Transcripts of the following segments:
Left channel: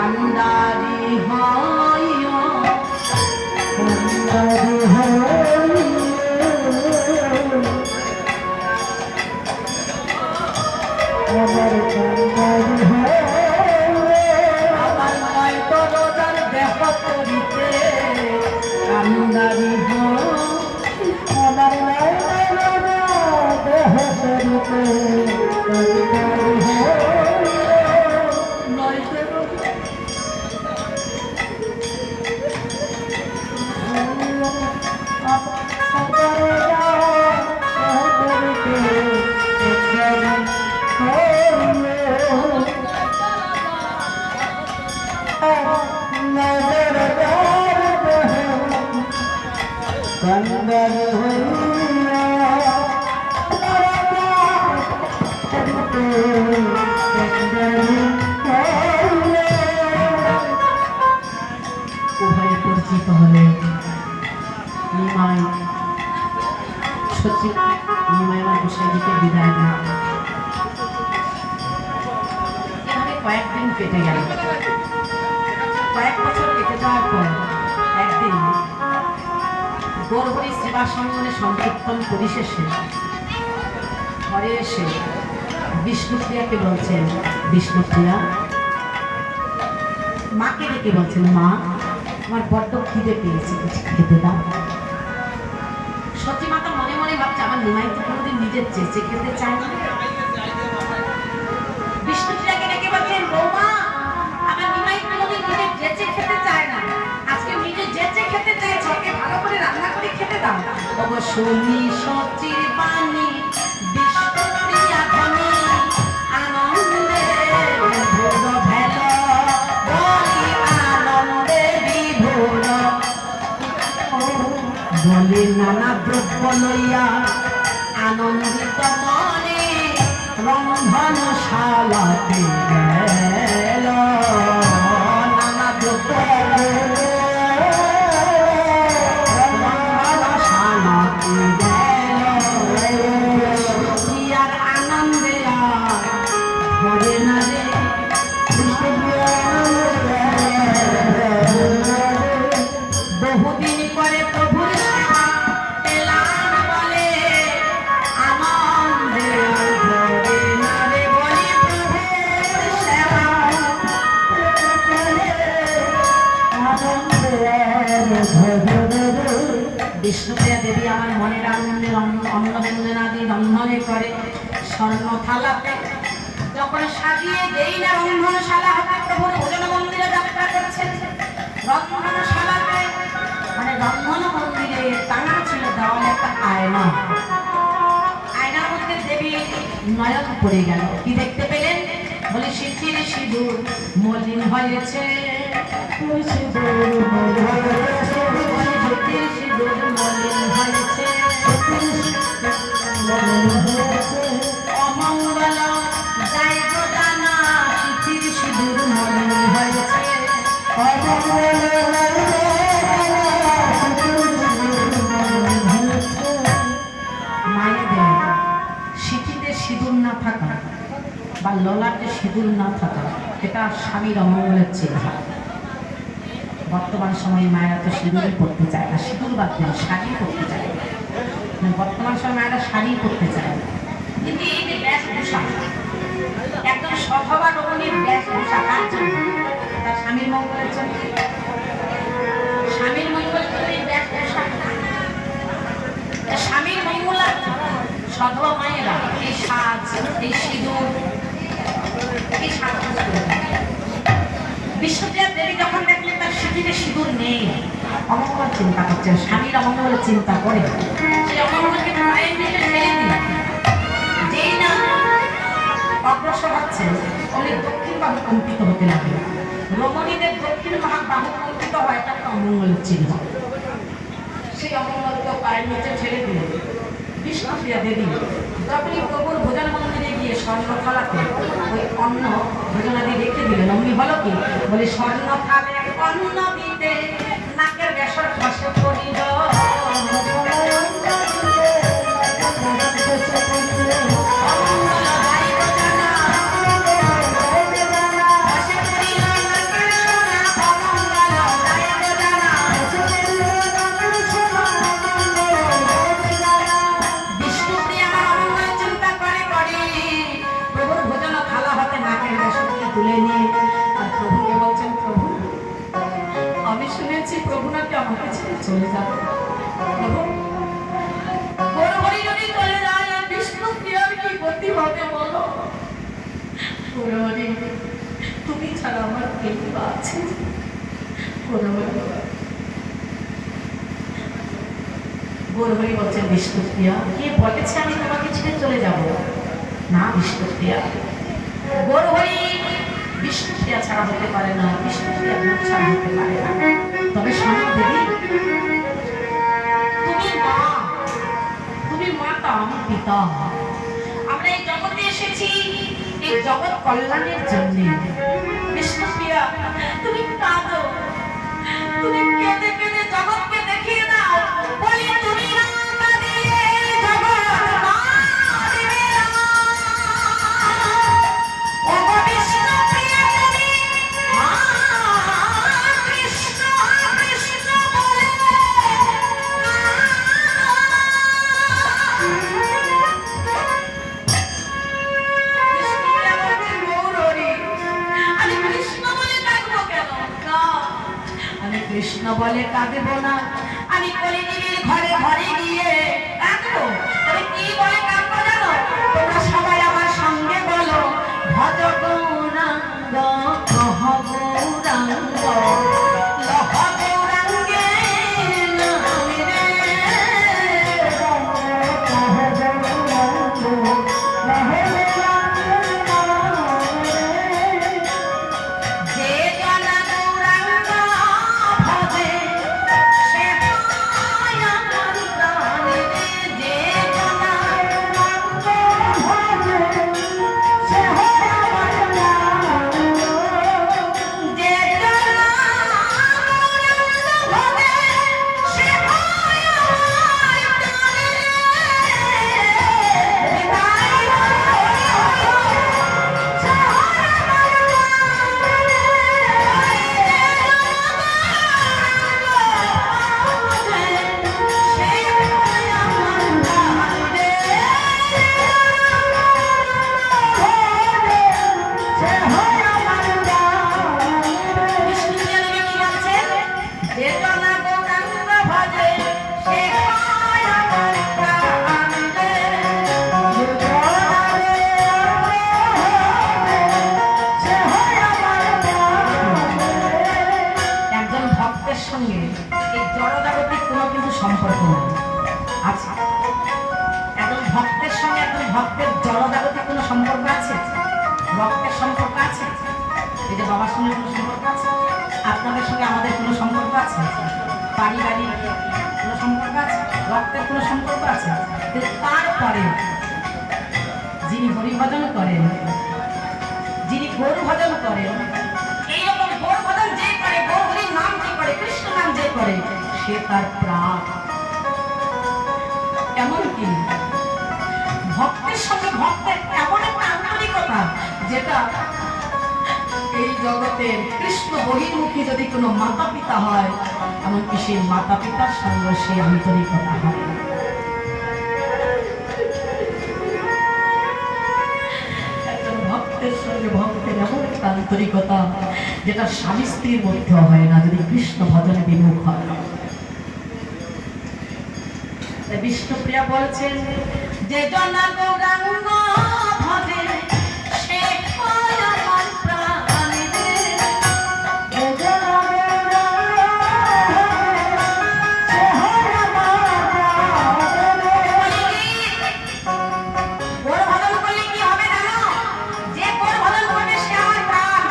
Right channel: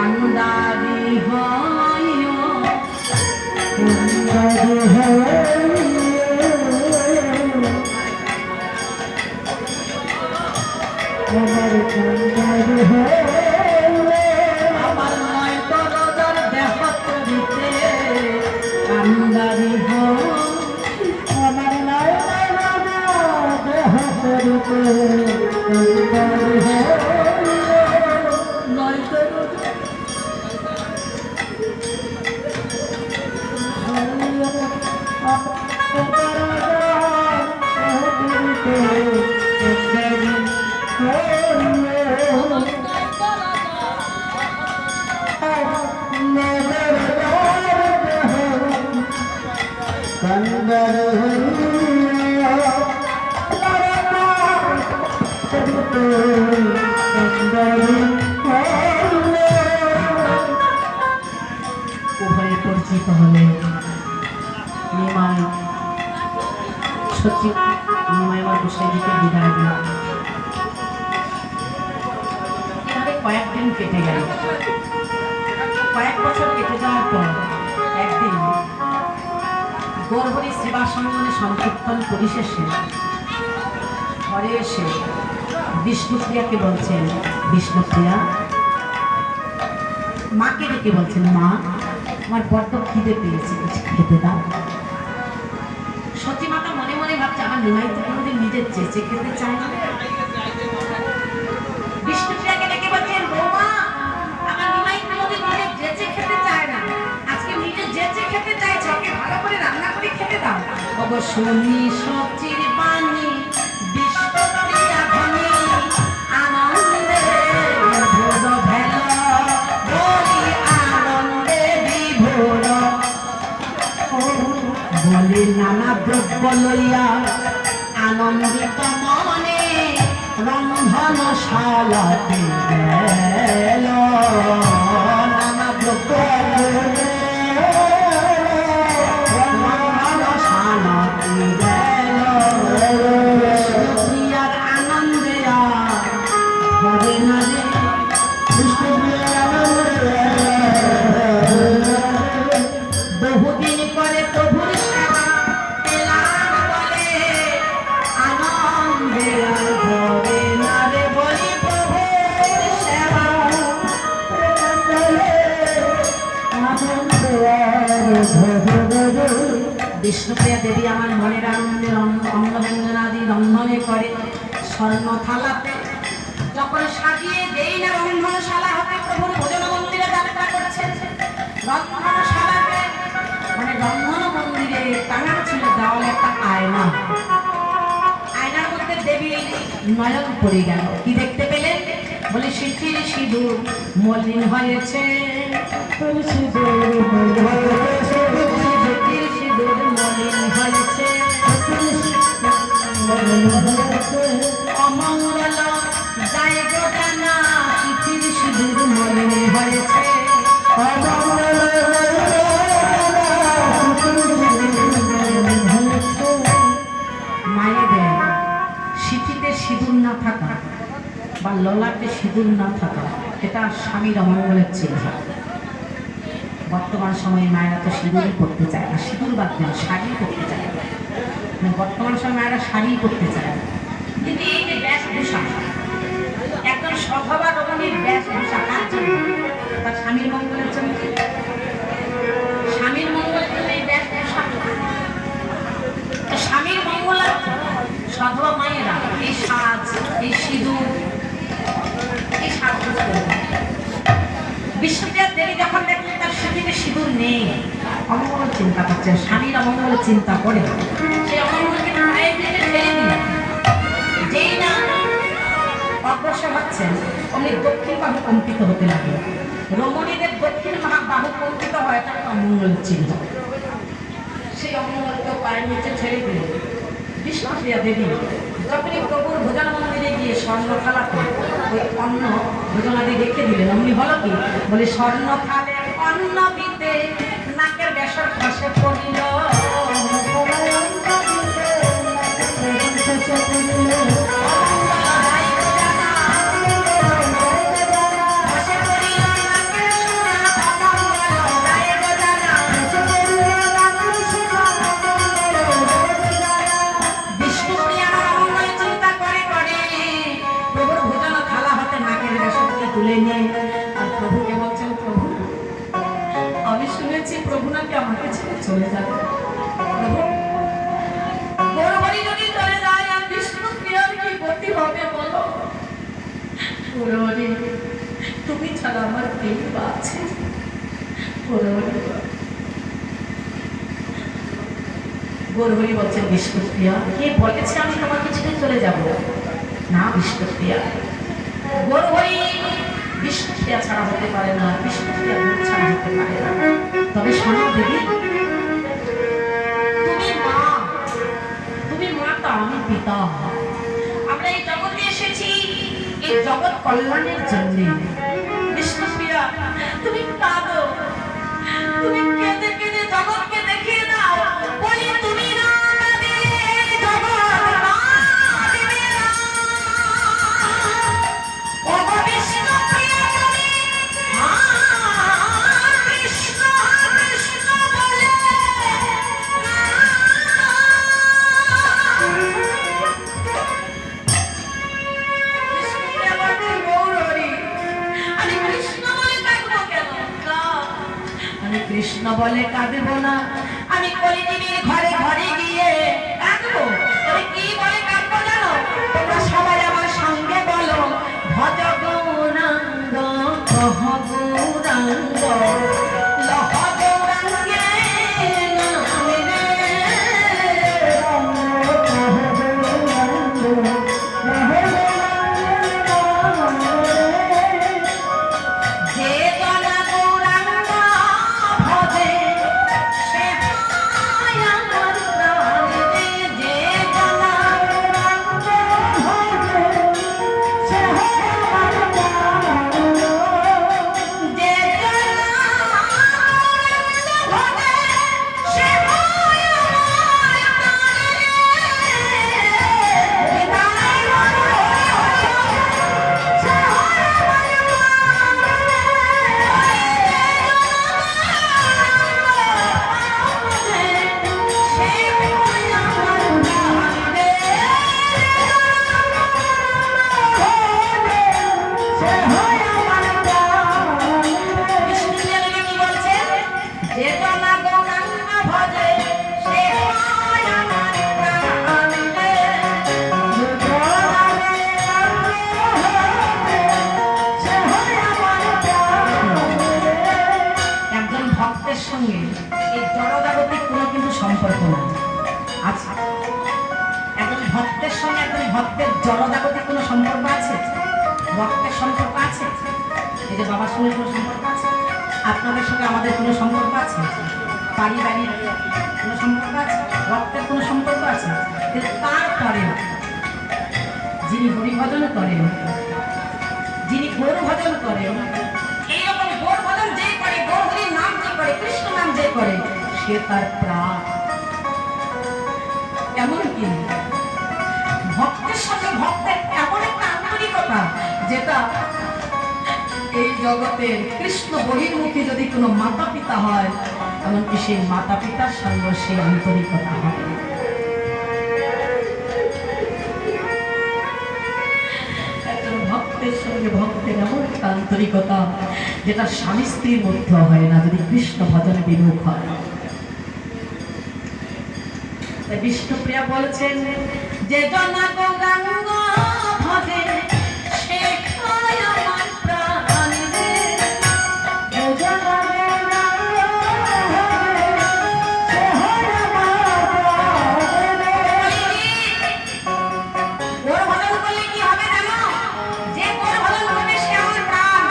কান্দারি হইও কান্দারি হইও আমার কান্দারি হইও আমার নয় দরদার দেহ করিতে কান্দারি হইও আমার নাই দেহ করিতে কান্দারি হইও নয় উভয়ে পরিচিত হলে নিমাই সচিব নিমাই আমার গোসাইজিকে বিদায় দিল। এভাবে কয়েকদিন কেটে গেল। কয়েক বছর কেটে যাওয়ার পর একদিন গৌরহরি সেবা সঙ্গনে সংকীর্তন পরিশেষে ঘরে এসে বিষ্ণুপ্রিয়াকে বলছেন, বিষ্ণুপ্রিয়া মাকে ডেকে বলছেন, মা আমার বড্ড খিদে পেয়েছে, কিছু খেতে দাও। সত্যি মাতা মনে মনে ভাবছে আমার নিমাই তো কোনোদিন নিজের চেঁচে খেতে চায় না। বিষ্ণুপ্রিয়াকে ডেকে বলছেন, বৌমা আমার নিমাই কোনোদিন নিজের চেঁচে খেতে চায় না, আজকে নিজে চেঁচে খেতে চাইছে, ওকে ভালো করে রান্না করে খেতে দাও। শুনি সচির বাণী বিষ্ণুপ্রিয়া ধ্বনি আনন্দে বিভোর ভেল বলি আনন্দে বিভোর বলি নানা দ্রব্য লইয়া আনন্দিত মনে রন্ধনশালাতে গেল নানা দ্রব্য বিষ্ণুপ্রিয়ার আনন্দে হবে না রে, বহুদিন পরে প্রভুর সেবা পেলাম বলে আনন্দে হবে না রে, বলি প্রভুর সেবা বিষ্ণুপ্রিয়া দেবী আমার মনের আনন্দে অন্নব্যঞ্জনাদি রন্ধনে করে স্বর্ণ থালাতে যখন সাজিয়ে দেই না রন্ধনশালা হতে প্রভুর ভোজন মন্দিরে যাত্রা করছেন। রন্ধনশালাতে মানে রন্ধন মন্দিরে টাঙানো ছিল দেওয়ালে একটা আয়না। আয়নার মধ্যে দেবীর নয়ন পড়ে গেল। কি দেখতে পেলেন? বলে সিঁথির সিঁদুর মলিন হয়েছে, সিঁথির সিঁদুর মলিন হয়েছে, অমঙ্গল যাই গো জানা, সিঁথির সিঁদুর মলিন হয়েছে, মায়েদের সিঁথিতে সিঁদুর না থাকা বা ললাটে সিঁদুর না থাকা এটা স্বামীর অমঙ্গলের চিহ্ন। বর্তমান সময়ে মায়েরা তো সিঁদুরই পরতে চায় না, সিঁদুর বাদ দেয় শাড়ি পরতে চায়। বর্তমান সময় মায়েরা শাড়ি পরতে চায়, কিন্তু এই যে বেশভূষা একদম সধবা রমণীর বেশভূষা কার জন্য? তার স্বামীর মঙ্গলের জন্য। স্বামীর মঙ্গলের জন্য এই বেশভূষা, স্বামীর মঙ্গলার্থে সধবা মায়েরা এই সাজ, এই সিঁদুর, এই সাজগোজ করে। বিষ্ণুপ্রিয়া দেবী যখন দেখলেন তার সিঁথিতে সিঁদুর নেই, অমঙ্গল চিন্তা করছে, স্বামীর অমঙ্গলের চিন্তা করে সেই অমঙ্গলকে মায়ের দিকে ঠেলে দিলেন। যেই না অগ্রসর হচ্ছেন অমনি দক্ষিণ বাহু কম্পিত হতে লাগলো। রমণীদের দক্ষিণ বাহু কম্পিত হয়, এটা একটা অমঙ্গল চিহ্ন। সেই অমঙ্গলকে পায়ের নিচে ছেড়ে দিলেন। বিষ্ণুপ্রিয়া দেবী যখনই প্রভুর ভোজন মন্দিরে গিয়ে স্বর্ণ থালাতে ওই অন্ন ভোজনাদি রেখে দিলেন, অমনি হলো কি? বলে স্বর্ণ থালে অন্ন দিতে নাকের বেসর খসে পড়িল, তুলে নিয়ে আর প্রভুকে বলছেন, প্রভু আমি শুনেছি প্রভু নাকি আমাকে ছেড়ে চলে যাবে। প্রভু গৌরহরি যদি চলে যায় বিষ্ণুপ্রিয়ার কি গতি হবে বলো। গৌরহরি তুমি ছাড়া আমার কেউ বা আছে? গৌরহরি গৌরহরি বলছেন, বিষ্ণুপ্রিয়া কে বলেছে আমি তোমাকে ছেড়ে চলে যাব? না বিষ্ণুপ্রিয়া, গৌরহরি বিষ্ণুপ্রিয়া ছাড়া হতে পারে না, বিষ্ণুপ্রিয়া দূর ছাড়া হতে পারে না। তবে শোনো দেবী, তুমি মাতা আমি পিতা, আমরা এই জগতে এসেছি এই জগৎ কল্যাণের জন্য। বিষ্ণুপ্রিয়া তুমি কাঁদো, তুমি কেঁদে কেঁদে জগৎকে দেখিয়ে দাও, বলি তুমি না কাঁদিলে জগৎ কাঁদিবে না। ওগো বিষ্ণুপ্রিয়া তুমি কৃষ্ণ কৃষ্ণ বলে বিষ্ণুপ্রিয়া বলছেন, গৌরহরি আমি কৃষ্ণ বলে কাঁদবো কেন? না, আমি কৃষ্ণ বলে কাঁদবো না, আমি কলিদেবীর ঘরে ঘরে গিয়ে কাঁদবো। তবে কি বলে কাঁদবো জানো? তোমরা সবাই আমার সঙ্গে বলো, ভজ গৌরাঙ্গ কহ গৌরাঙ্গ লহ গৌরাঙ্গে নামে রে। যে জনা গৌরাঙ্গ ভজে সে পায় আমার প্রাণে রে। যে জনা গৌরাঙ্গ ভজে সে হয় আমার প্রাণে। যে জনা গৌরাঙ্গ ভজে সে হয় আমার প্রাণে রে। তাই একজন ভক্তের সঙ্গে এই জড়জাগতিক কোনো কিন্তু সম্পর্ক নাই। আচ্ছা, একজন ভক্তের সঙ্গে একজন ভক্তের জড়জাগতিক কোনো সম্পর্ক আছে? রক্তের সম্পর্ক আছে? এই যে বাবার সঙ্গে কোনো সম্পর্ক আছে? আপনাদের সঙ্গে আমাদের কোনো সম্পর্ক আছে? পারিবারিক কোনো সম্পর্ক আছে? রক্তের কোনো সম্পর্ক আছে? কিন্তু তারপরে যিনি হরিভজন করেন, যিনি গৌর ভজন করেন, এইরকম গৌর ভজন যে করে, গৌরহরির নাম যে করে, কৃষ্ণ নাম যে করে, সে তার প্রাণ। এমনকি ভক্তের সঙ্গে ভক্তের এমন একটা আন্তরিকতা যেটা এই জগতের কৃষ্ণ বহির্মুখী যদি কোনো মাতা পিতা হয়, এমনকি সেই মাতা পিতার সঙ্গে সেই আন্তরিকতা হয়। একজন ভক্তের সঙ্গে ভক্তের এমন একটা আন্তরিকতা যেটা স্বামী স্ত্রীর মধ্যে হয় না, যদি কৃষ্ণ ভজনে বিমুখ হয়। বিষ্ণুপ্রিয়া বলছেন, যে জনা গৌরাঙ্গ ভজে সে হয় আমার প্রাণ রে। যে জনা গৌরাঙ্গ ভজে সে হয় আমার প্রাণ রে। গৌর ভজন করলে কি হবে জানো? যে গৌর ভজন করবে সে আমার প্রাণ।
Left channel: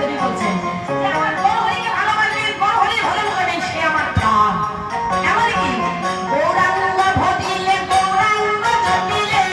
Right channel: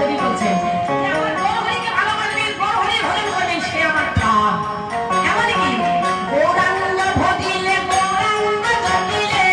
দেবী বলছেন, যে আমার গৌরহরিকে ভালোবাসবে, গৌরহরি ভজন করবেন, সে আমার প্রাণ। এমনকি গৌরাঙ্গ ভজিলে গৌরাঙ্গ জটিলে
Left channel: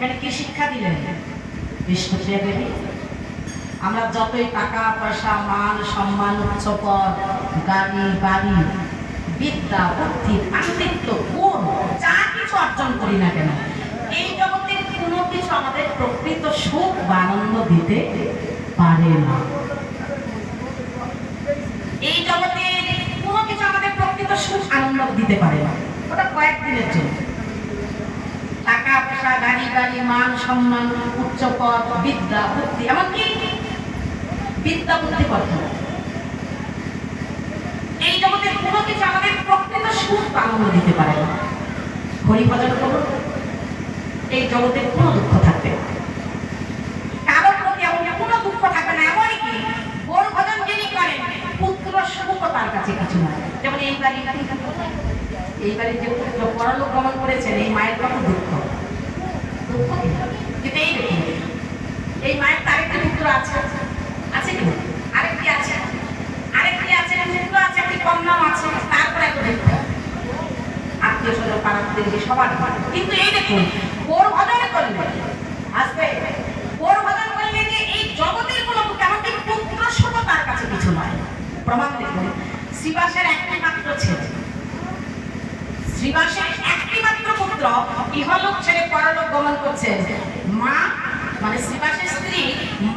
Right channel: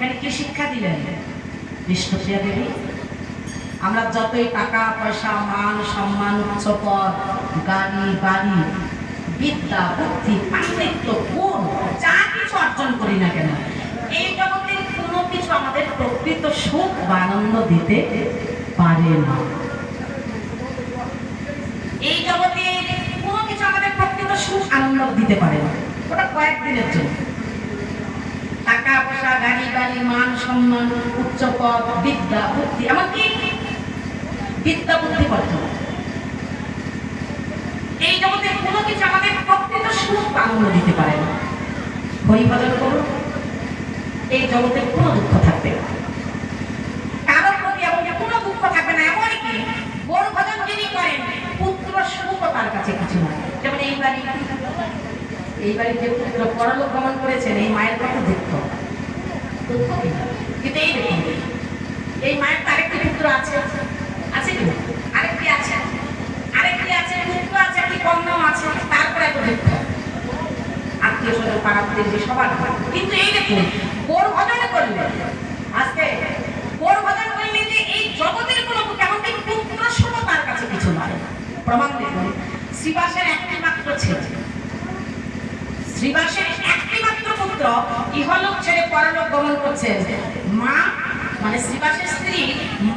এখানে কি শিক্ষা দিলেন বিষ্ণুপ্রিয়া দেবী? আমরা যতই টাকা পয়সা মান সম্মান উচ্চপদ গাড়ি বাড়ি বিদ্যা বুদ্ধি পাণ্ডিত্য গুণ যা কিছু অর্জন করি না কেন, এই জগতের কোনো কিছু আমাদের প্রকৃত সুখ বা আনন্দ দিতে পারে না। এই জগতের কোনো কিছু আমাদের প্রকৃত সুখ আনন্দ দিতে পারে না, ওটা কয়েকদিনের জন্য। টাকা পয়সা গাড়ি বাড়ি মান সম্মান উচ্চপদ বিদ্যা বুদ্ধি এমনকি বিদ্যা বুদ্ধি পদ্ধতি, এই জগতের কোনো কিছু আমাদের প্রকৃত সুখ আনন্দ দিতে পারে না। হরিভজন করুন, এই জগতের কোনো দুঃখ থাকবে না, কারো প্রতি এবং কোনো দুঃখ থাকবে না। এমনকি বড় ভজন যিনি করেন পুত্র সুখ তার কাছে কিছু না। যেমন এই বাড়ির যে পুত্র পরলোক গমন করেছেন, এই মায়ের কত দুঃখ, দুঃখ কিন্তু এই দেখুন এই মায়ের তো আরেকটি পুত্র আছে, আছে কি আরেকটি আছে, আরেকটি আছে পুত্র আছে, একটি কন্যাও আছে, তারপরে এত দুঃখ আত্মীয় স্বজন পাড়া প্রতিবেশী সবার। কিন্তু এই দেখুন গৌর ভজন করলে, আজকে গৌর ভজন করলে যে এই জগতের কোনো এমনকি পুত্র সুখ তার কাছে কিছু নয়। প্রমাণ দেখুন, শ্রীবাসের একটি মাত্র ছেলে, শ্রীবাসের একটি মাত্র পুত্র ইহলোক ছেড়ে পরলোক গমন করছেন। মা মানে শ্রীবাসের স্ত্রী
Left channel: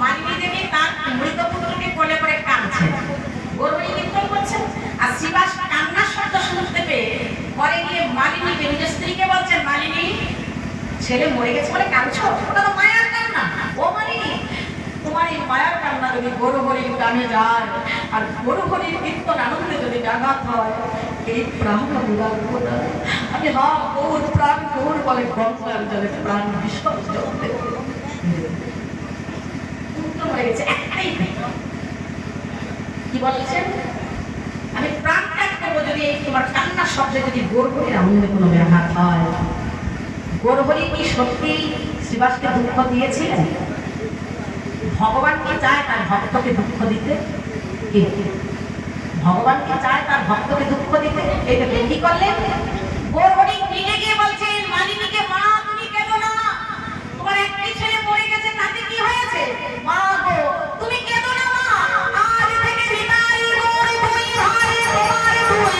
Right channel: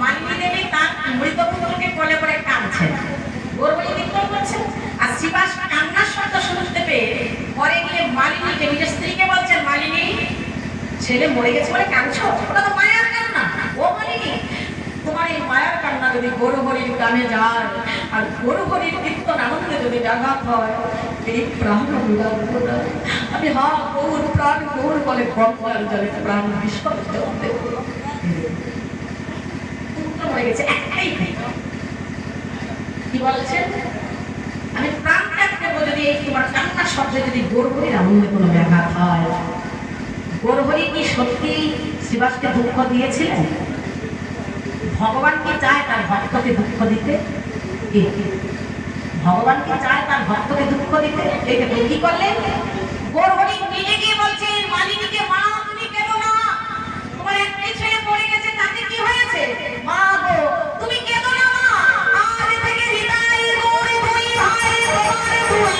মালিনী দেবী তার মৃত পুত্রকে কোলে করে কাঁদছেন, গৌরবনী কীর্তন করছেন। আর শ্রীবাস কান্নার শব্দ শুনতে পেয়ে পরে গিয়ে মালিনীকে নিজের স্ত্রীকে বলছেন, মালিনী ছেলে মরে গেছে বলে কাঁদছো, ওটা তো মায়ার কান্না। ও মালিনী, তোমার এই মায়ার কান্না যদি গৌরহরির কানে যায় আর গৌরহরির কীর্তন আনন্দে যদি ব্যাঘাত হয়, এই প্রাণ আমি লাগবো না। আমি গৌর প্রাণ গৌর বলে গঙ্গার জলে প্রাণ বিসর্জন দেব। হয়ে গেছে একটাই, কি বলছেন, আমি প্রাণ ত্যাগ করবো যদি এই তোমার কান্নার শব্দে যদি গৌরহরির আনন্দে কোনো ব্যাঘাত হয়। গৌরহরি কি সত্যি শ্রীবাসকে দুঃখ দিয়েছিলেন? ভগবান কি চায় তার ভক্তকে দুঃখ দিতে? ভগবান কি চায় তার ভক্তকে দুঃখ দিতে? এটা কি করলেন? গৌরহরি নিজে গিয়ে বলছেন মালিনীকে, মা তুমি কেঁদো না, তোমার একটি ছেলে পড়ে গেছে, তাতে কি হয়েছে? মা গো তুমি কেঁদো না মা, আজ থেকে বিদায় গৌর দুই ভাই তোমার দুই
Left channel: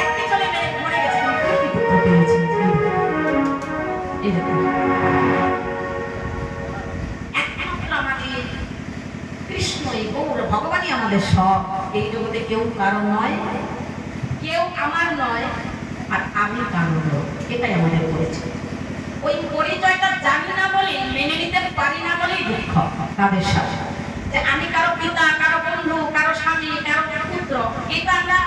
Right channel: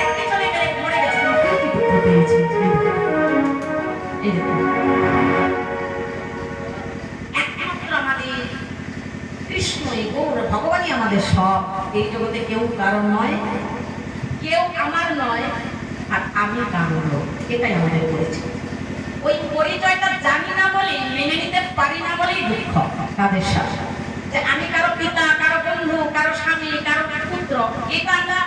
একটি ছেলে মরে গেছে, তুমি কি দুঃখ পেয়েছি? এই দেখুন একমাত্র আমাদের কৃষ্ণই গৌর ভগবানই আমাদের সব। এই জগতে কেউ কারণ নয়, কেউ আমার নয়, আর আমি কারণ লোক, এটাই আমাদের পরিচয়। ওই পরিচয়টা জানি না বলেই, মেনে নিতে পারি না বলেই দুঃখ তাদের সাথে, যে আমি কারো পিতা কারো বন্ধু কারো স্বামী কারো পুত্র, এটা আমরা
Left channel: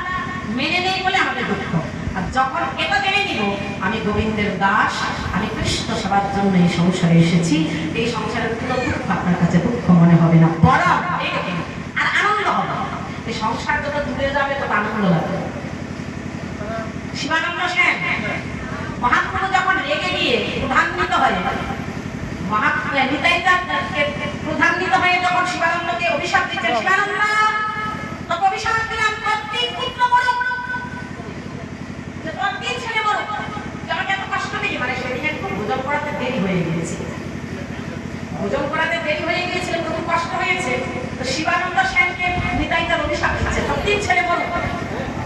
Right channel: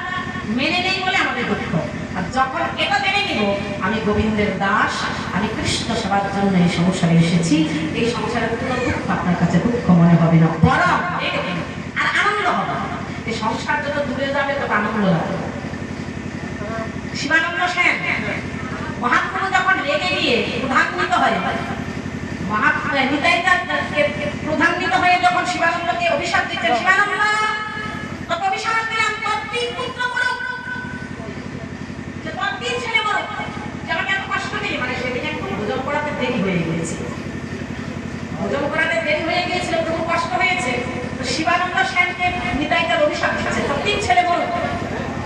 মেনে নেই বলে আমাদের দুঃখ। আর যখন এটা জেনে নিব আমি গোবিন্দের দাস, আমি কৃষ্ণ সেবার জন্য এই সংসারে এসেছি, এই সংসারের কোনো দুঃখ আপনার কাছে দুঃখ মনে হবে না, বরং আর আনন্দ হবে। এই সংসার যত দূরে যাবে তত আনন্দ লাগবে। শিবানন্দ সেন মহাপ্রভু যখন রেগে গিয়ে ক্রোধান্বিত হয়ে, ক্রোধান্বিত হয়ে যখন শিবানন্দকে অভিশাপ দিচ্ছেন, শিবানন্দ তোকে অভিশাপ দিলাম, তোর তিন পুত্র মরুক, তোর তিন ছেলে মরুক। আমাকে এত কষ্ট দিই, মানে সেদিন একটু ভোজন করাতে দেরি হয়ে গিয়েছে, ভোজন করাতে দেরি হয়ে গিয়েছিল, প্রভু কষ্ট হয়েছে। তো শিবানন্দ সেনকে নিতাইটার অভিশাপ দিচ্ছে, তোর তিন ছেলে মরুক।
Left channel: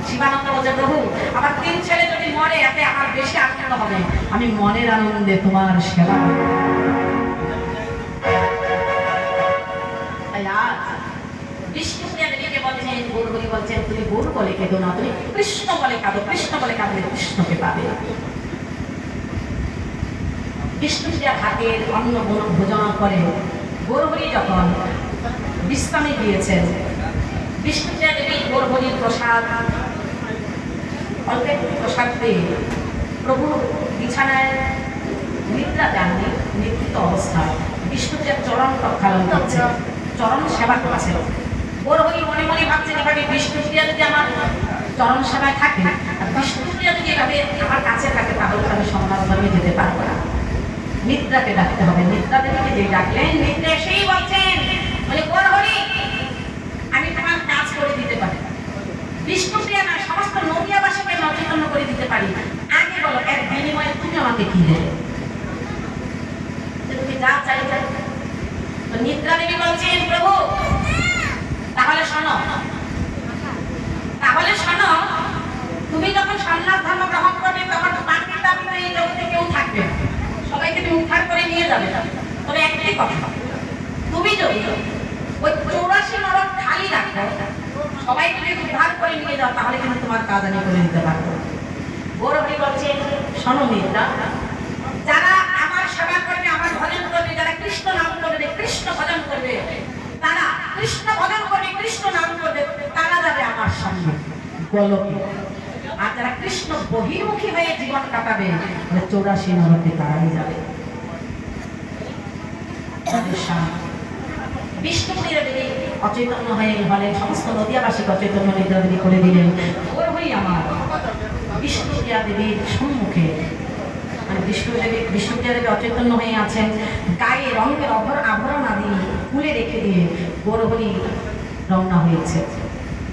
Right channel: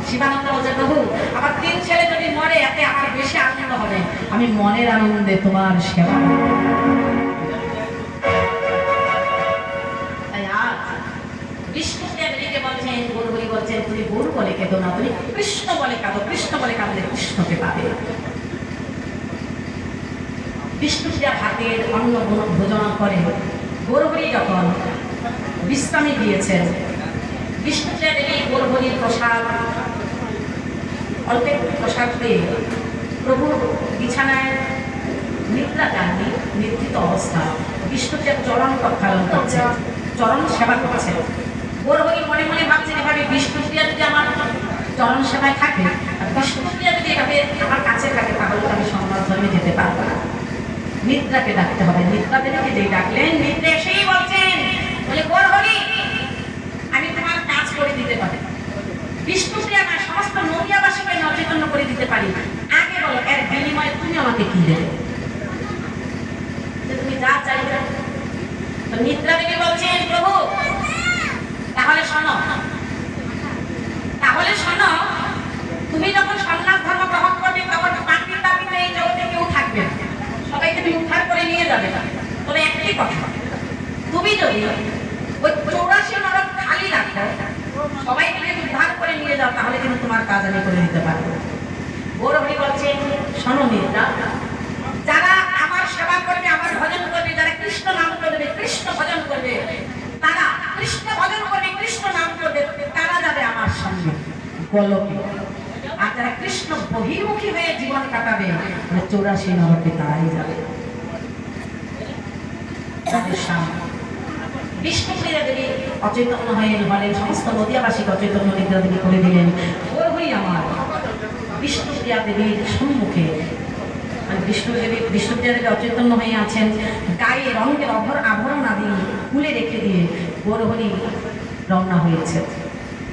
শিবানন্দ বলছে, প্রভু আমার তিন ছেলে যদি মরে এতে আমার বেশি আনন্দ হবে, আমি মনের আনন্দে তোমার সেবা করব। বিষ্ণুপ্রিয়া দেবীকে বলছেন, গৌরহরি বলছেন, তুমি গৌর বলে কেঁদো না, তুমি কৃষ্ণ বলে কাঁদো, কৃষ্ণ বলে কাঁদলে কৃষ্ণকে পাবে। বিষ্ণুপ্রিয়া ভাগের অন্ন ভোজন করে গৌরহরি যখন বিশ্রামে গিয়েছেন, বিষ্ণুপ্রিয়া দেবী গৌরহরির প্রসাদ অল্প একটু প্রসাদ পেয়ে প্রভু বিছানায় নিদ্রা যাননি, নিদ্রিত অবস্থা বিষ্ণুপ্রিয়ার চরণ প্রক্ষালন করছে, চরণ সেবা করছে। গৌরহরি মনে মনে ভাবছেন, এভাবে বিষ্ণুপ্রিয়া যদি আমার চরণ সেবায় থাকে আর বিষ্ণুপ্রিয়া যদি এভাবে আমার কাছে থাকে, তাহলে আমি সমাজ ধর্মে যেতে পারবো না। নিদ্রাকে ডাকতে হবে। নিদ্রা দেবীকে যে ডাকলেন, নিদ্রা এসেই বলছেন, বলে গৌরহরি আমি তোমার কাজ করে দিতে পারি, বিষ্ণুপ্রিয়া না সমস্ত নদিয়াবাসীকে নচেতন করে দিতে নিদ্রা দেবী বলছে প্রভু তাহলে শোনো, তাহলে শোনো, তুমি যখন সন্ন্যাস ধর্ম গ্রহণ করবে তখন মাটির দাবিতে এই জগতে কেউ থাকবে না, সবাইকে তুমি উদ্ধার করে নিয়ে যাবে। তবে একটি কথা, তুমি যদি ওই 84 নরক খালি রাখো, সবাইকে যদি উদ্ধার করে নিয়ে যাও, তাহলে কিন্তু তোমার কাজ আমি করে দিতে পারবো। গৌরহরি বলছে শোনো নিদ্রা, যারা আমার সেবা করবে, আমার ভজন করবে, যারা কৃষ্ণ নাম করবে, কৃষ্ণ ভজন করবে, তারা কৃষ্ণ ভজন করবে, কৃষ্ণ নাম করবে, তারা যাবে আমার সঙ্গে গোলকে। আর যারা কৃষ্ণ বহির্মুখী হয়ে জীবন কাটাবে, 84 নরকে তারাই যাবে। বিষ্ণুপ্রিয়া দেবী অচৈতন্য হয়ে হলেন, সমস্ত নদিয়াবাসীকে অচৈতন্য নিদ্রা দেবী করে দিলেন। গৌরহরি আমার বিষ্ণুপ্রিয়া দেবীর সম্মুখে, মানে বিষ্ণুপ্রিয়া দেবী অচৈতন্য হয়ে আছেন, গায়ে রঙের আভরণ আদি খুলে রেখে দিয়ে গৌরহরি রওনা হয়েছে।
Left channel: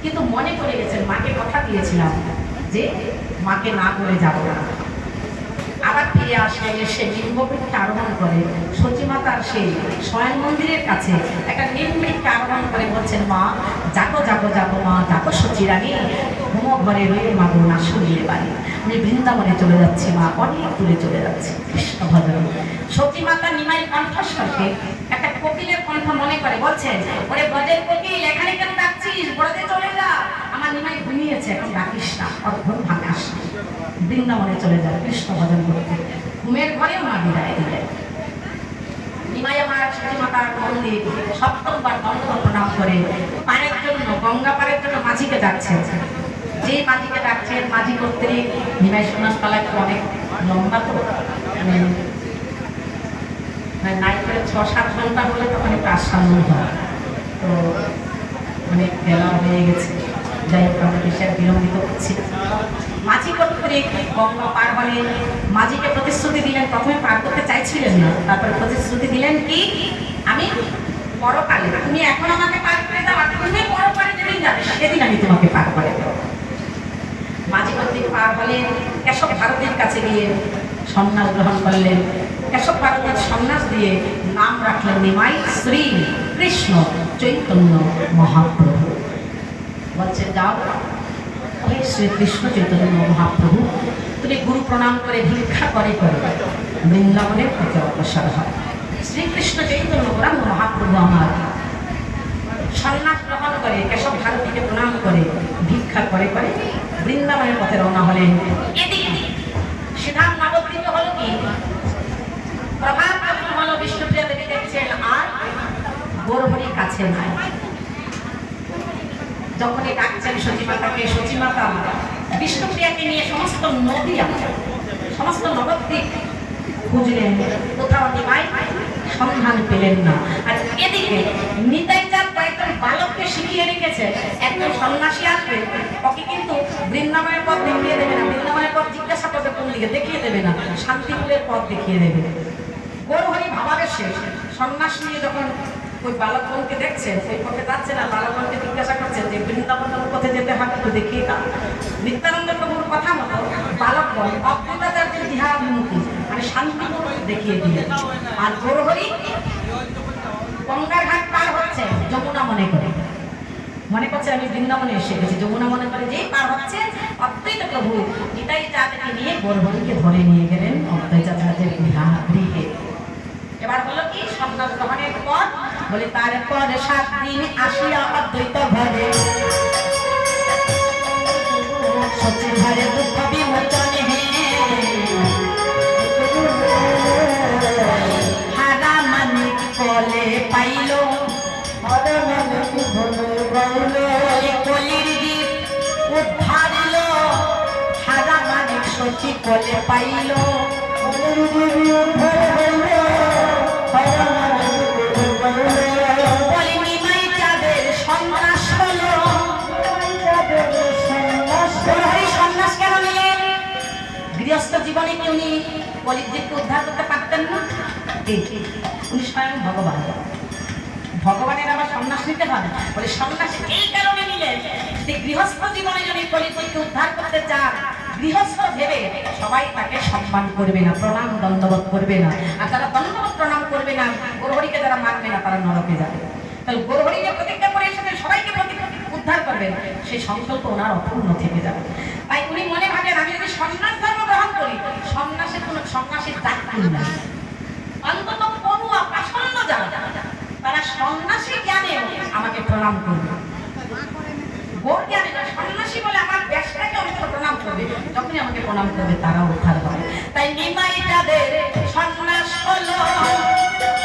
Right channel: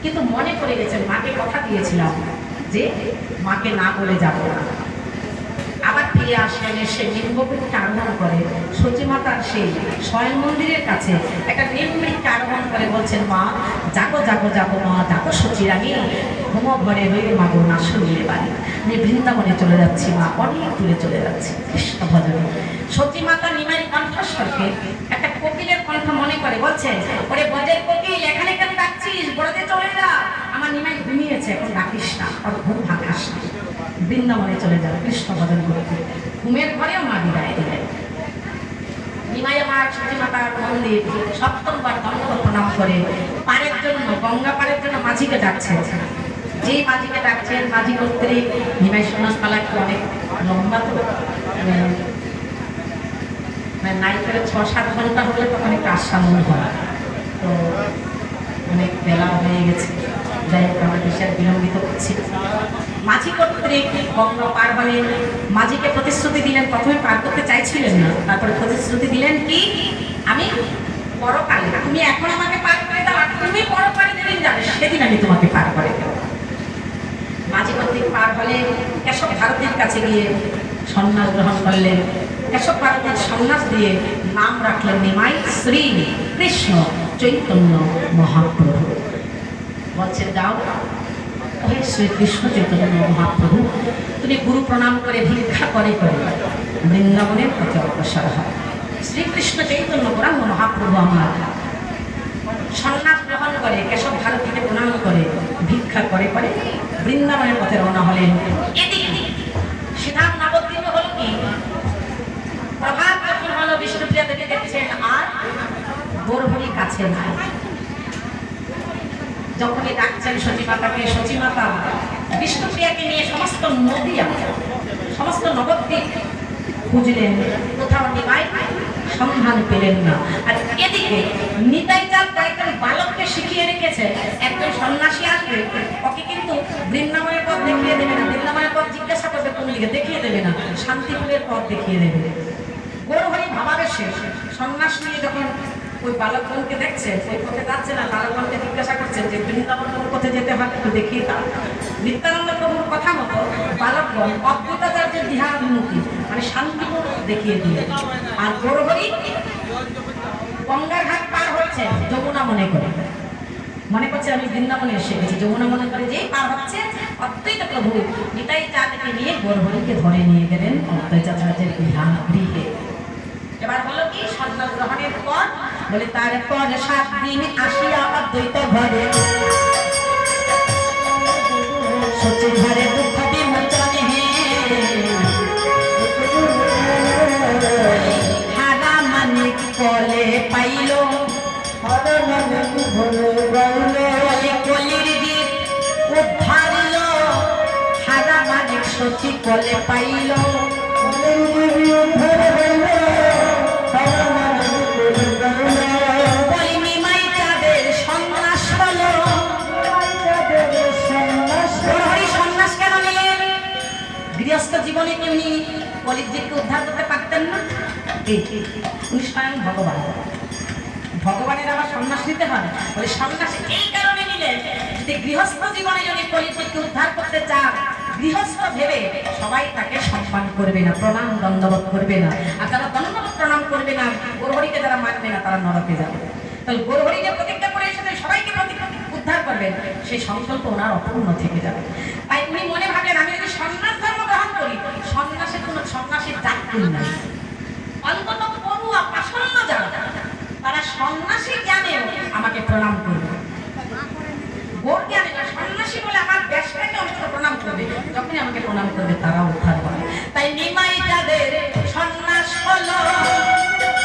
কিন্তু মনে পড়ে গেছেন, মাকে কথা দিয়েছিলাম যে মাকে না বলে যাব না। আবার ফিরে আসলেন, এসে নিম্নবৃক্ষে আরোহণ করে সতীমাতার সেই শয়ন মন্দিরের কাছে একটা নিম্নবৃক্ষে আরোহণ করে বলছেন, মা যাকো যাকো যাকো, মা যাকো সচিরানী, ঘুমো ঘরে হয়ে মা গো না শুনিয়ে বাড়ি, আমি বৃন্দাবনে চলে যাচ্ছি, মা অনেক দূরে চলে যাচ্ছি কৃষ্ণ ভজন। সতীমাতা নিমাইয়ের কণ্ঠস্বরকে একটা কোকিলের কণ্ঠ মনে করে, বলছে ওরে ব্রজের কোকিল, এখানে কেন ডাকছিস, ব্রজে চলে যা, আমার নিমাই ঘুমিয়েছে, এখন ডাকিস না, ওর ঘুম ভাঙাস না, বৃন্দাবনে চলে যাবে কৃষ্ণ ভজন করতে। ঘুমের ঘরেও মা বিদায় দিলেন। নিমাই আমার সতীমাতার মন্দির সপ্তমবার দণ্ডবত প্রণাম করে পারের জন্য, গঙ্গা পারের জন্য মাঝিকে ডাকছে। যেই মাঝিকে ডাকছেন, মাঝি কর্তৃক নিমাই সন্ন্যাস পালা একটু অনেক লম্বা, তো নাইট করে 6-7 ঘন্টা হলে তখন একটু আশ্বামন হয়, তো অনেক বেলা হয়ে গেছে। যাই হোক, আমরা বেশি আর বিলম্বিত করছি। মাঝি কর্তৃক গঙ্গা পার হলে মাঝিকে প্রতিশ্রুতি দিলেন, প্রথমে পার করতে চাইছিলেন না, তারপরে প্রতিশ্রুতি দিলেন কি, আমি পরকালে, তুমি এখন আমাকে পার করে দাও, আর তুমি পরকালে যেদিন যাবে সেদিন আমি তোমাকে পার করে দেব। মাঝি কর্তৃক পার হলে কেশব ভারতীর কাছে গিয়ে সন্ন্যাস গ্রহণ করলেন। কেশব ভারতীর সন্ন্যাস দিয়ে নাম রাখলেন নিমাই শ্রী কৃষ্ণ চৈতন্য মহাপ্রভু। বলছেন যাও হে শ্রী কৃষ্ণ চৈতন্য মহাপ্রভু, তুমি গুরু প্রণাম করে ভিক্ষা করে করে বৃন্দাবনের পথে অগ্রসর হয়। শ্রীকৃষ্ণ চৈতন্য গৌরাঙ্গ মহাপ্রভু আমার সন্ন্যাস গ্রহণ করে কেশব ভারতীকে প্রণাম করে ভিক্ষা করে করে বৃন্দাবনের পথে রওনা হলেন। এদিকে সিদ্ধান্ত নবদ্বীপে হল কি, প্রভাত যখন হলো, বিষ্ণুপ্রিয়া দেবী দেখছেন আর গৌরহরি কাছে নাই। যখনই ডাকছেন সচিমাতাকে, সচিমাতা বিষ্ণুপ্রিয়াকে নিয়ে সমস্ত নদিয়া, সমস্ত নবদ্বীপ খুঁজলেন, কোথাও নিমাই সন্ধান পেলেন না। আর এদিকে নিতাই চাঁদ কয়েকজন বালককে শিখিয়ে রেখেছে, একজন সন্ন্যাসী আসবে, ওকে কিন্তু বৃন্দাবনের পথ দেখিয়ে দেবে না, বৃন্দাবনের পথ জিজ্ঞাসা করবে কোন দিকে, দেখিয়ে দেবে না, শান্তিপুরের পথ দেখিয়ে দেবে। গৌরহরি ভাবাবেশে সন্ন্যাস নিয়ে যখন ওই বালকগণকে দেখছেন, ওই পথে যাচ্ছে না, বালকগণকে জিজ্ঞাসা করছেন যে বৃন্দাবন পথে যেতে হবে, একটু দেখিয়ে দাও। নিত্যানন্দ প্রভুর কথা মতো বালকগণ অদ্বৈতাচার্যের বিহারাভিমুখী, মানে শান্তিপুর দেখিয়ে দিলেন। আর গৌরহরি গঙ্গার ঘাট পার হচ্ছে যমুনা মনে করে, মনে করছে আমি বৃন্দাবনে এসে গেছি, যমুনা মনে করে যেই পার হচ্ছে, অদ্বৈত প্রভু নিতাই চাঁদকে নিয়ে গৌরহরিকে ধরে নিয়ে গেলেন অদ্বৈতাচার্যের গৃহে। এবার হলো কি, সন্ন্যাস গ্রহণের পর বলে তারপর 7 দিন আসিয়া অদ্বৈত ঘরে, সচি ঘরে দুঃখ বিমোচনে হারা মানিক বলে পাইল, কলির দ্বীপ উদ্ধারিল, হারা মানিক সচি বলে পাইল, গৃহস্থ জীবনে কি উনি কলিযুগকে উদ্ধার করতে পারতেন না? উনি স্বয়ং ভগবান, ভগবানের আবার সন্ন্যাস নিতে হয়, বলে সন্ন্যাস এই কারণে নিলেন যে গৃহস্থ জীবনে যদি কলিযুগকে উদ্ধার করতে চান, গৃহস্থ ভেবে সবাই তাকে সম্মান করবে না, প্রণাম দণ্ডবত করবে না, আর যারা দণ্ডবত প্রণাম করবে না, ওর গৌরহরিকে যারা মানবে না তারা নরকে যাবে। তাহলে গৌরহরিকে প্রতিজ্ঞা করে এসে সবাইকে উদ্ধার করবেন, সেই সংকল্প ওনার অপূর্ণ থেকে যাবে। তাই উনি মনে ভাবেন আমি যদি সন্ন্যাস ধর্ম গ্রহণ করি, সন্ন্যাসের কোনো সন্ন্যাসীর জাতি নাই, অন্তত পড়ুয়া পাষণ্ড যারা তারা সন্ন্যাসী জ্ঞানে আমাকে প্রণাম করবে। বোর জ্ঞানে না, সন্ন্যাসী বলে আমার দেশটাকে অন্তত প্রণাম করবে, যখনই আমাকে প্রণাম করবে তারা উদ্ধার হবে। তাই নিমাই যাদের সন্ন্যাস হলো,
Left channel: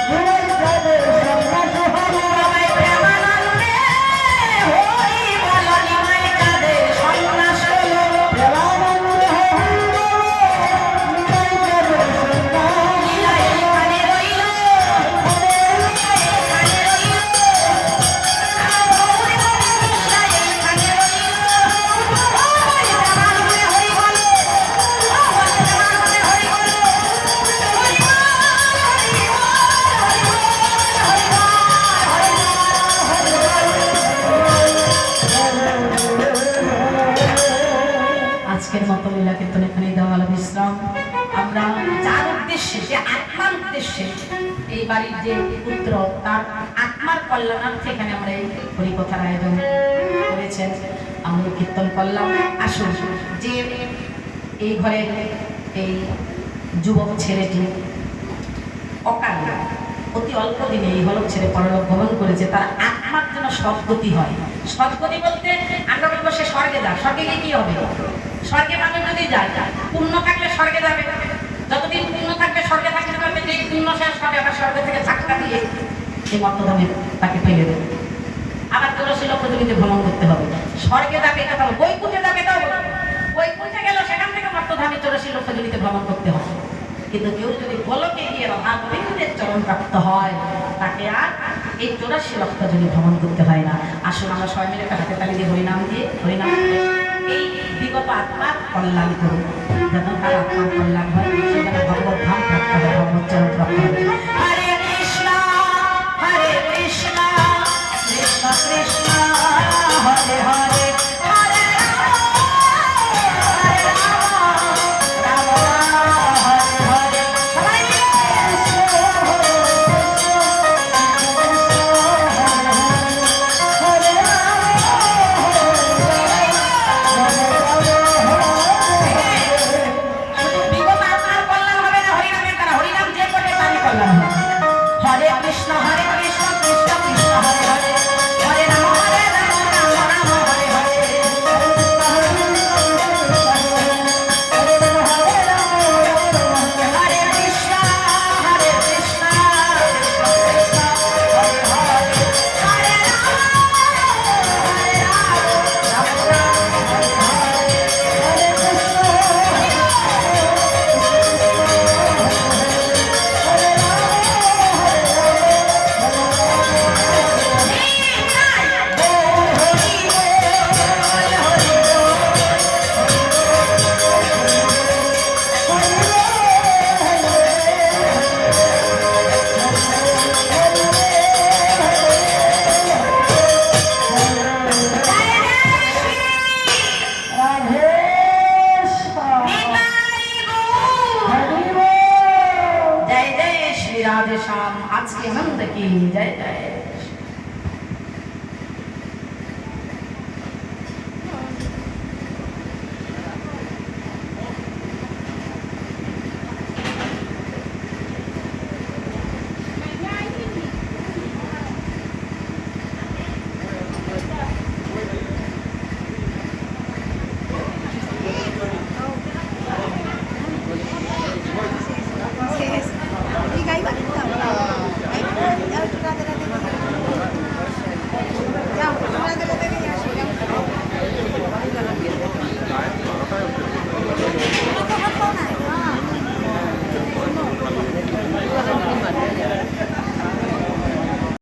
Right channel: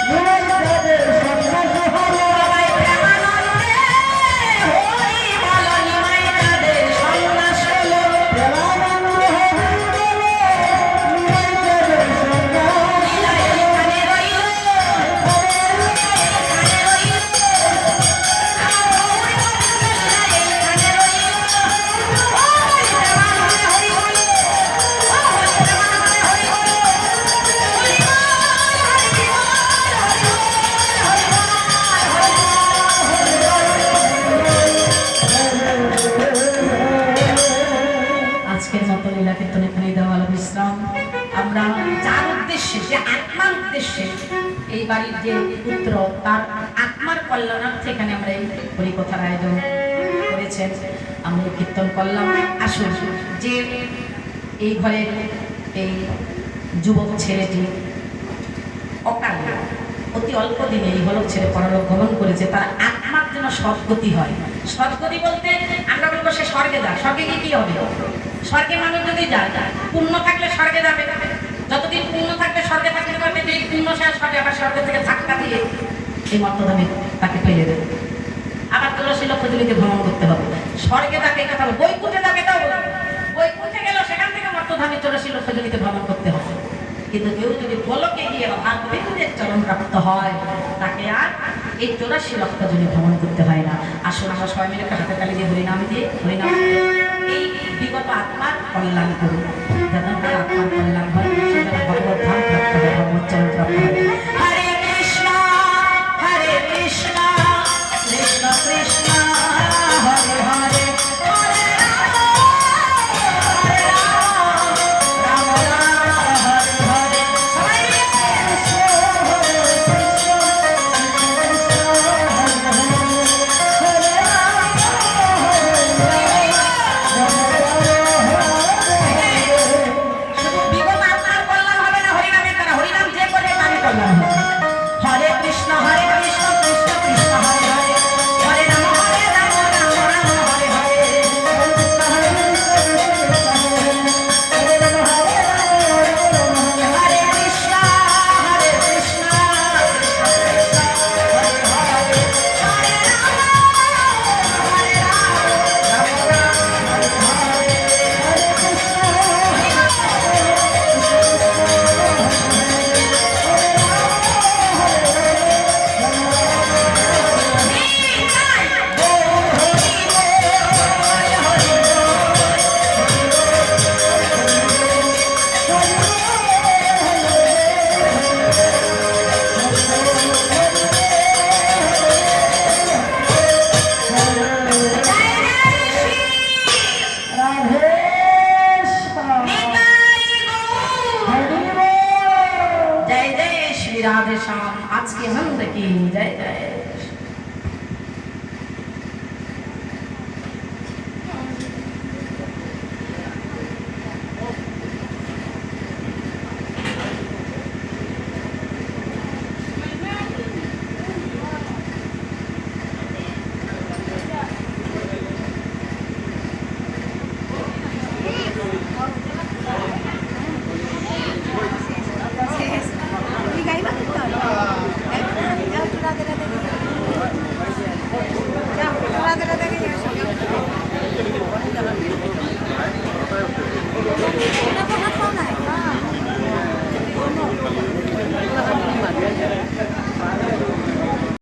নিমাই যাদের সন্ন্যাস হলো, সবাই প্রেমানন্দে হই বলো। নিমাই যাদের সন্ন্যাস হলো, প্রেমানন্দে হই বলো। নিমাই যাদের সন্ন্যাস লীলা এখানে রইল, এখানে রইল, এখানে রইল। হরি প্রেমানন্দে হরি বল, হরি প্রেমানন্দে হরি বল, হরি বল, হরি বল, হরি বল, হরি বল। আজকের মতো লীলা কীর্তন এখানেই দেওয়া হলো বিশ্রাম। আমরা যার উদ্দেশ্যে, যে আত্মার উদ্দেশ্যে এই বাড়ির যে পুত্র তার আত্মার কল্যাণার্থে এখানে আমরা এই হরিকথার আয়োজন করেছেন, আমরা কীর্তন করলাম। আসুন, যে এই ঘরের এই যুবক ছেলেটি অকালে অতি অল্প দিনে এই হলক ছেড়ে পরলোক গমন করেছে, তার আত্মার যেন সদ্গতি হয়। সদ্গতি বলতে আমরা বলবো সে স্বর্গে যাক। স্বর্গে গিয়ে কি হবে? স্বর্গে মানুষ যদি যায়, পুণ্য থাকলে স্বর্গে যাবে, যতদিন পুণ্য থাকবে স্বর্গে থাকতে পারবে। যেই পুণ্য শেষ হবে আবার স্বর্গে থেকে ধাক্কা দিয়ে এই মর্তধামে তাকে ফেলে দেবে, আবার 84 লক্ষ জমিতে ভ্রমণ করতে হবে। স্বর্গে যাকে কথা বলবো, বৈকুণ্ঠে যাবে এটাও বলবো, বৈকুণ্ঠে গেলেও সেখান থেকে মর্তধামে 84 লক্ষ জমিতে ভ্রমণ করতে হবে। কিন্তু কেউ যদি গোলকে গিয়ে রাধাগোবিন্দের চরণ প্রাপ্ত হয়, তাকে আর এই 84 লক্ষ জমি ভ্রমণ করতে হয় না। আসুন আমরা সবাই মিলে হাতে তালি দিয়ে হরিনাম দিয়ে এই বিগত আত্মার কল্যাণ করুন, যেন তার আত্মার কল্যাণ হয়, সেখানে ভগবত ধাম প্রাপ্ত হয়, ভগবত চরণ প্রাপ্ত হয়। হরে কৃষ্ণ কৃষ্ণ কৃষ্ণ হরে হরে, হরে রাম রাম রাম হরে হরে। সবাই মিলে বিগত আত্মার কল্যাণ হবে না হরিনামের দ্বারা, হরিনাম যে করে তারই কল্যাণ হবে। হরে কৃষ্ণ কৃষ্ণ কৃষ্ণ হরে হরে, হরে রাম রাম রাম হরে হরে। হরে কৃষ্ণ কৃষ্ণ কৃষ্ণ হরে হরে, হরে রাম রাম রাম হরে হরে। जय जय श्री राधे श्याम। आज की आनंद की जय जय।